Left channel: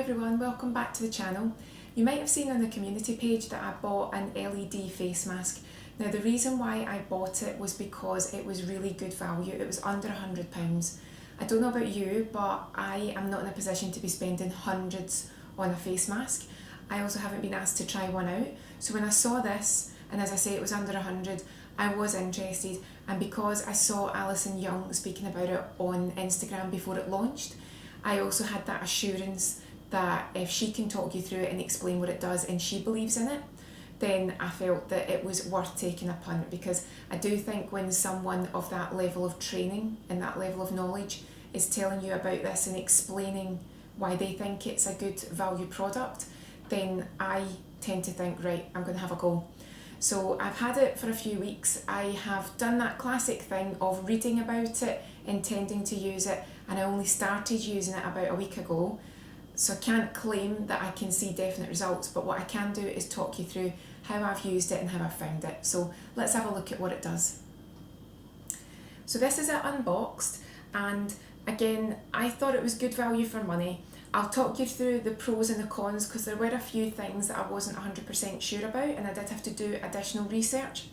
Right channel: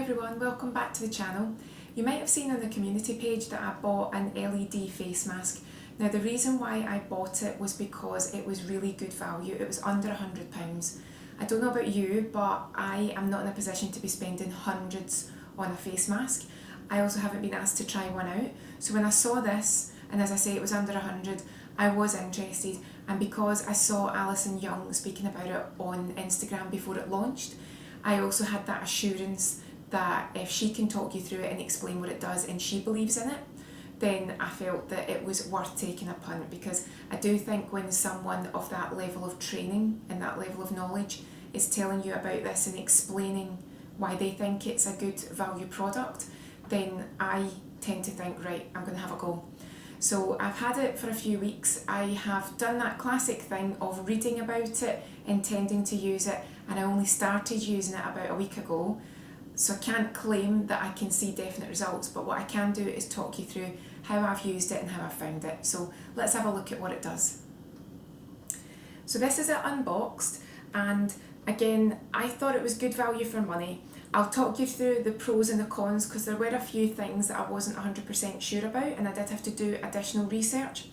everyone, welcome back to the channel. You might have seen on the community page that I bought an LED face mask. Now the reason why I bought it was because it was really good value. It was under £100. I don't know about you, but I am not in a position to be spending hundreds on a face mask. I also haven't been asked to try one out. So when I saw this, and as I say it was under 100, I was interested, and because I saw Alison Young speaking about it on Instagram before it launched, I also had that assurance that if she can talk you through it and explain what it does and she believes in it, then I felt that it was worth taking a punt, because I do think when someone of that level of training and that level of knowledge is telling you about this and explaining why they think it's a good value product, then I tend to think, right, I'm going to have a go. So I've had it for a few weeks. I have done that classic thing of reading about it, intending to use it, and I only started using it about a week ago. So I can't claim that I can see definite results, but what I can do is talk you through how I've used it and how I've found it. So let's have a look at what it does. So this is it unboxed, and again, I thought it was good value for money. I'll talk you through the pros and the cons, because there were a few things that I wasn't 100% sure about and I did have to do additional research.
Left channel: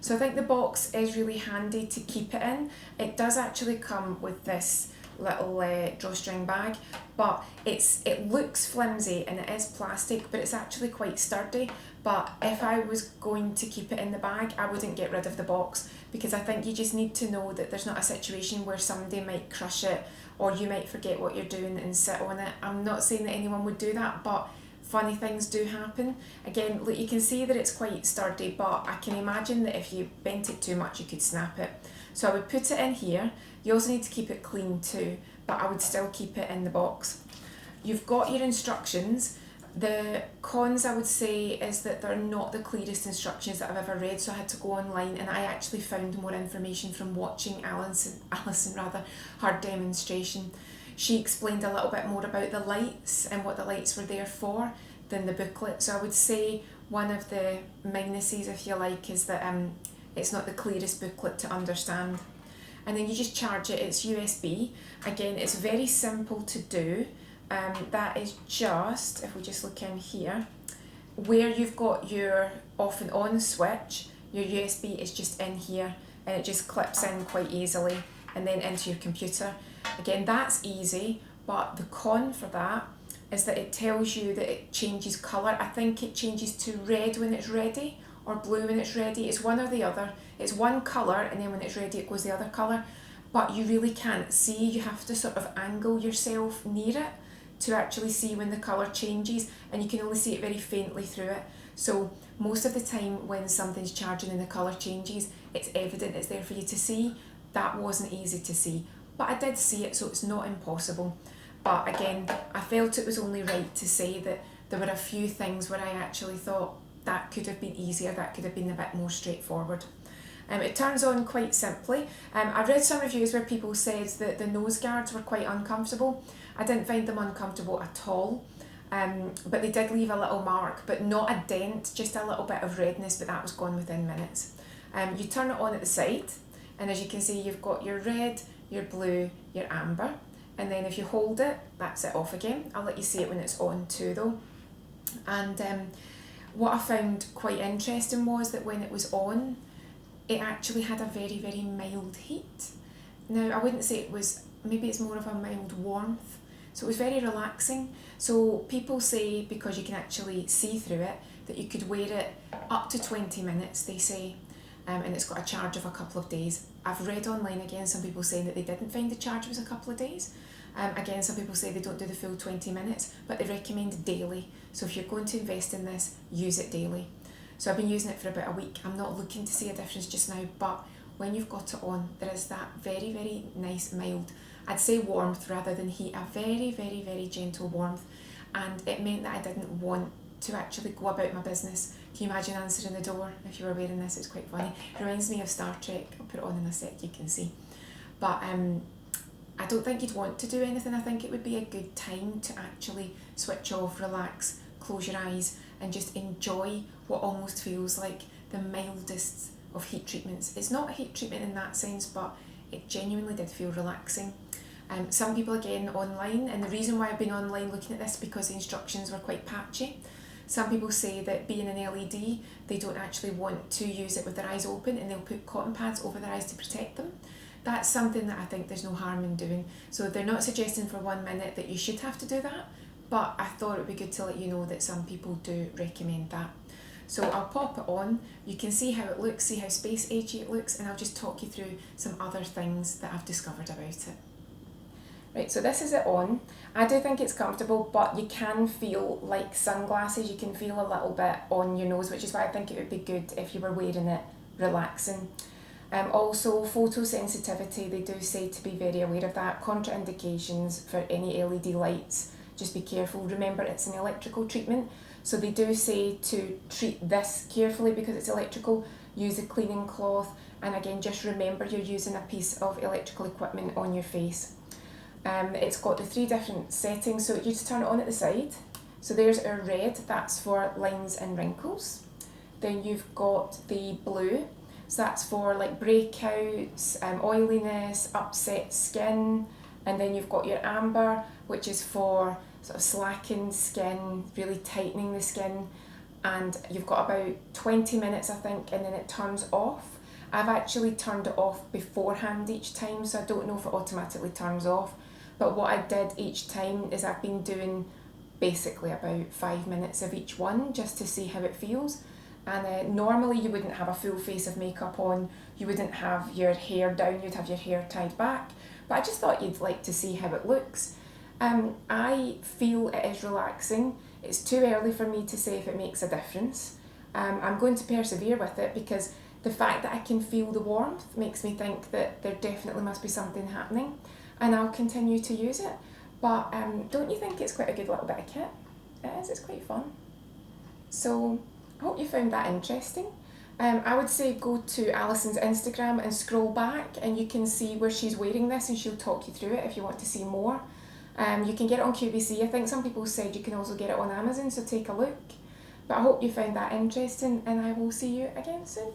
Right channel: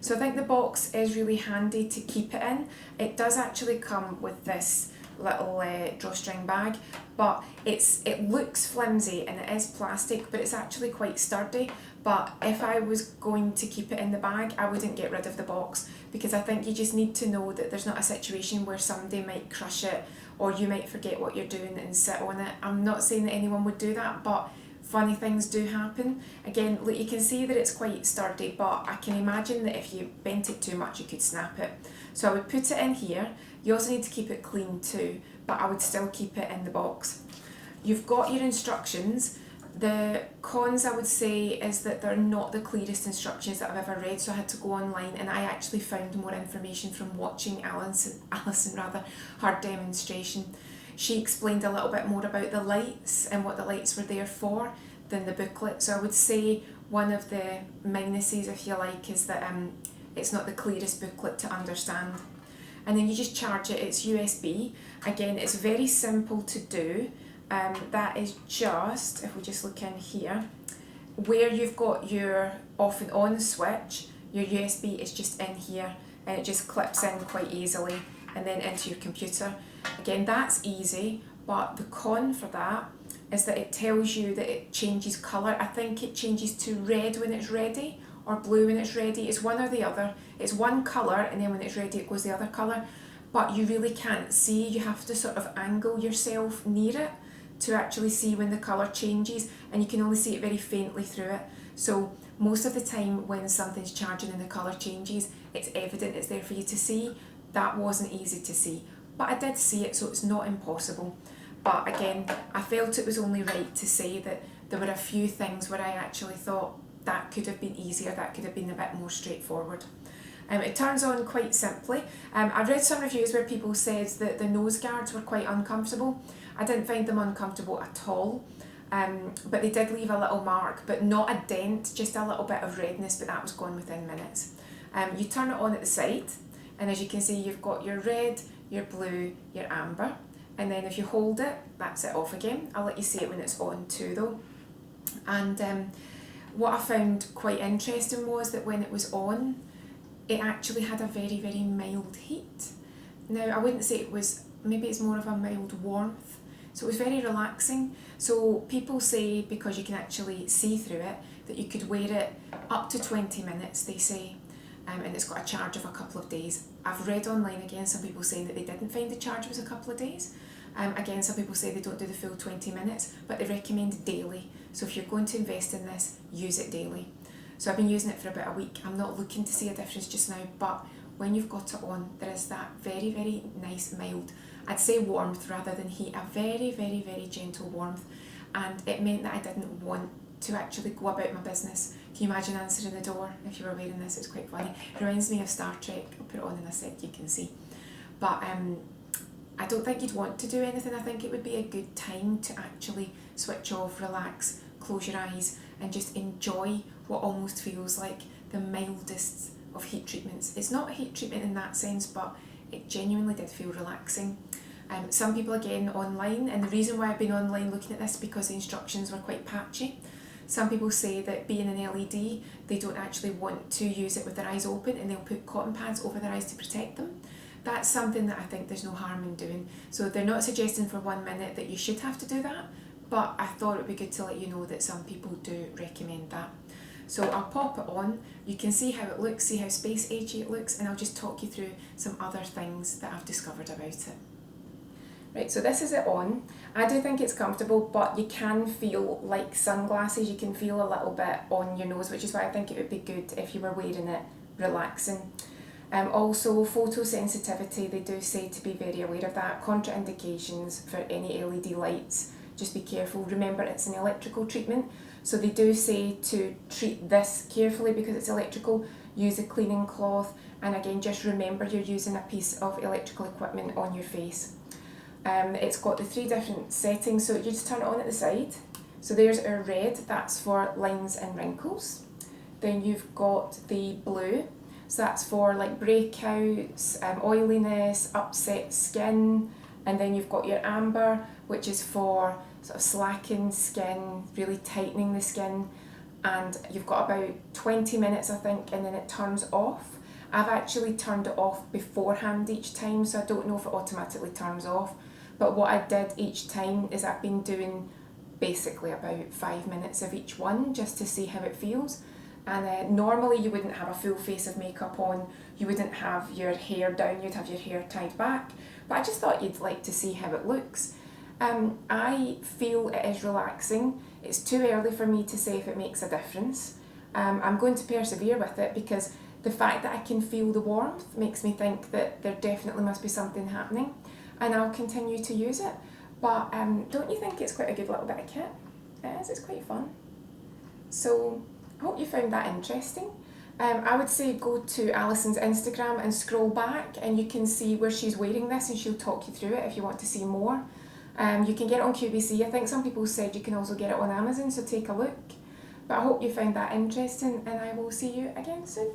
So I think the box is really handy to keep it in. It does actually come with this little drawstring bag, but it looks flimsy and it is plastic, but it's actually quite sturdy. But if I was going to keep it in the bag, I wouldn't get rid of the box, because I think you just need to know that there's not a situation where somebody might crush it or you might forget what you're doing and sit on it. I'm not saying that anyone would do that, but funny things do happen. Again, look, you can see that it's quite sturdy, but I can imagine that if you bent it too much, you could snap it. So I would put it in here. You also need to keep it clean too, but I would still keep it in the box. You've got your instructions. The cons, I would say, is that they're not the clearest instructions that I've ever read, so I had to go online, and I actually found more information from watching Alison, her demonstration. She explained a little bit more about the lights and what the lights were there for than the booklet. So I would say one of the minuses, if you like, is that it's not the clearest booklet to understand. And then you just charge it. It's USB. Again, it's very simple to do. That is just, if we just look in here, where you've got your off and on switch, your USB is just in here, and it just clips in quite easily and then into your computer. Again, that's easy, but the con for that is that it tells you that it changes colour. I think it changes to red when it's ready or blue when it's ready. It's one or the other. It's one colour, and then when it's ready it goes the other colour, but you really can't see. You have to sort of angle yourself near it to actually see when the colour changes, and you can only see it very faintly through it. So most of the time when something's charging and the colour changes, it's evident, it's there for you to see. That wasn't easy to see, but I did see it, so it's not impossible. But again, I felt it was only right to say that there were a few things where I actually thought that could have been easier, that could have been a bit more straightforward. It turns on quite simply. I've read some reviews where people said that the nose guards were quite uncomfortable. I didn't find them uncomfortable at all, but they did leave a little mark, but not a dent, just a little bit of redness, but that was gone within minutes. You turn it on at the side, and as you can see, you've got your red, your blue, your amber, and then if you hold it, that's it off again. I'll let you see it when it's on too though. And what I found quite interesting was that when it was on, it actually had a very, very mild heat. Now, I wouldn't say it was, maybe it's more of a mild warmth. So it was very relaxing. So people say, because you can actually see through it, that you could wear it up to 20 minutes, they say. And it's got a charge of a couple of days. I've read online again some people saying that they didn't find the charge was a couple of days. Again, some people say they don't do the full 20 minutes, but they recommend daily. So if you're going to invest in this, use it daily. So I've been using it for about a week. I'm not looking to see a difference just now, but when you've got it on, there is that very, very nice mild, I'd say warmth rather than heat, a very, very, very gentle warmth. And it meant that I didn't want to actually go about my business. Can you imagine answering the door if you were wearing this? It's quite funny. It reminds me of Star Trek. I'll put it on in a sec, you can see. But I don't think you'd want to do anything. I think it would be a good time to actually switch off, relax, close your eyes, and just enjoy what almost feels like the mildest of heat treatments. It's not a heat treatment in that sense, but it genuinely did feel relaxing. Some people again online, and the reason why I've been online looking at this because the instructions were quite patchy. Some people say that being an LED, they don't actually want to use it with their eyes open and they'll put cotton pads over their eyes to protect them. That's something that I think there's no harm in doing. So they're not suggesting for 1 minute that you should have to do that, but I thought it would be good to let you know that some people do recommend that. So I'll pop it on, you can see how it looks, see how space agey it looks, and I'll just talk you through some other things that I've discovered about it. Right, so this is it on. I do think it's comfortable, but you can feel like sunglasses, you can feel a little bit on your nose, which is why I think it would be good if you were wearing it relaxing. Also, photosensitivity, they do say to be very aware of that. Contraindications for any LED lights, just be careful. Remember, it's an electrical treatment, so they do say to treat this carefully because it's electrical. Use a cleaning cloth, and again, just remember you're using a piece of electrical equipment on your face. It's got the 3 different settings, so you just turn it on at the side. So there's our red, that's for lines and wrinkles. Then you've got the blue, so that's for like breakouts, oiliness, upset skin. And then you've got your amber, which is for sort of slackened skin, really tightening the skin. And you've got about 20 minutes, I think, and then it turns off. I've actually turned it off beforehand each time, so I don't know if it automatically turns off. But what I did each time is I've been doing basically about 5 minutes of each one just to see how it feels. And normally you wouldn't have a full face of makeup on, you wouldn't have your hair down, you'd have your hair tied back. But I just thought you'd like to see how it looks. I feel it is relaxing. It's too early for me to say if it makes a difference. I'm going to persevere with it because the fact that I can feel the warmth makes me think that there definitely must be something happening, and I'll continue to use it. But don't you think it's quite a good little bit of kit? It is, it's quite fun. So I hope you found that interesting. I would say go to Alison's Instagram and scroll back and you can see where she's wearing this and she'll talk you through it if you want to see more. You can get it on QVC. I think some people said you can also get it on Amazon, so take a look. But I hope you found that interesting, and I will see you again soon.